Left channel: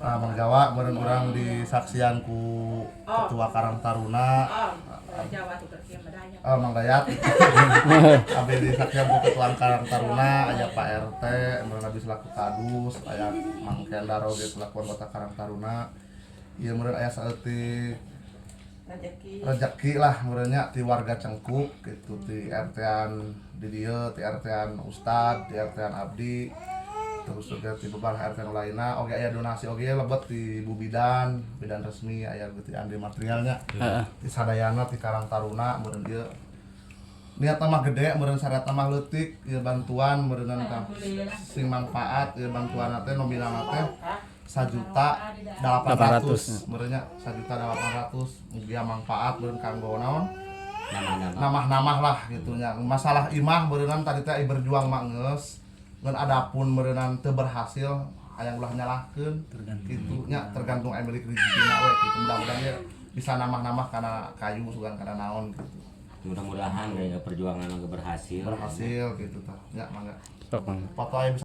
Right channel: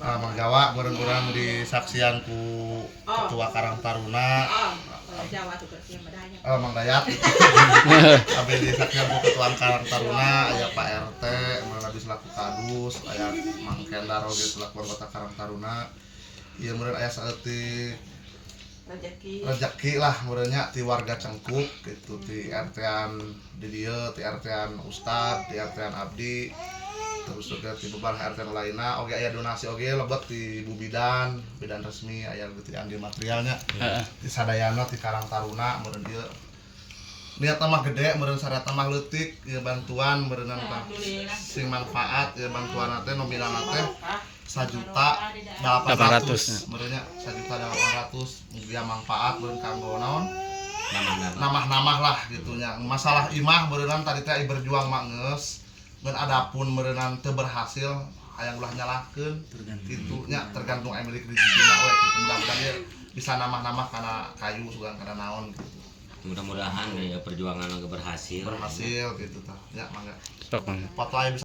Mang Jawa meureun urang disaksian ku Ketua Karang Taruna. Mang Dayat. Abdi disaksian ku Ketua Karang Taruna, aya Pak RT, meureun abdi selaku kadus, aya Mang Kendar oge selaku anggota Karang Taruna. Ieu meureun aya saeutik rezeki lah meureunnya ti warga Cengkuk gitu, ti RT-an di dieu, ti RT-an Ustad, ti RT-an Abdi. Terus juga ti beberapa RT lainna oge aya donasi oge lebet ti Ibu Bidan resmi aya gitu andi materialnya. Ti sadayana ti Karang Taruna meureun ieu niatna mah gede, meureun sareatna mah leutik, ieu bantuan meureunan sing manfaat, ieu bantuanna teh nominalna teh 1.800.000 meureunnya 1.800.000 mugia manfaat meureun kanggo naon namah-namah lah gitu nya. Masalah imah meureunan tadi teh berjuang mah geus ngan adapun meureunan teu berhasil hayang ulah nyalahkeun kitu nya, tergantung aya milik rezekina we kitu. Mudah-mudahan ya bisa namah-namah kana kayu sugan kana naon gitu. Mudah-mudahan ya perjuangan berhasil gitu tah. Ya mangga. Sok, Mang. Foto aya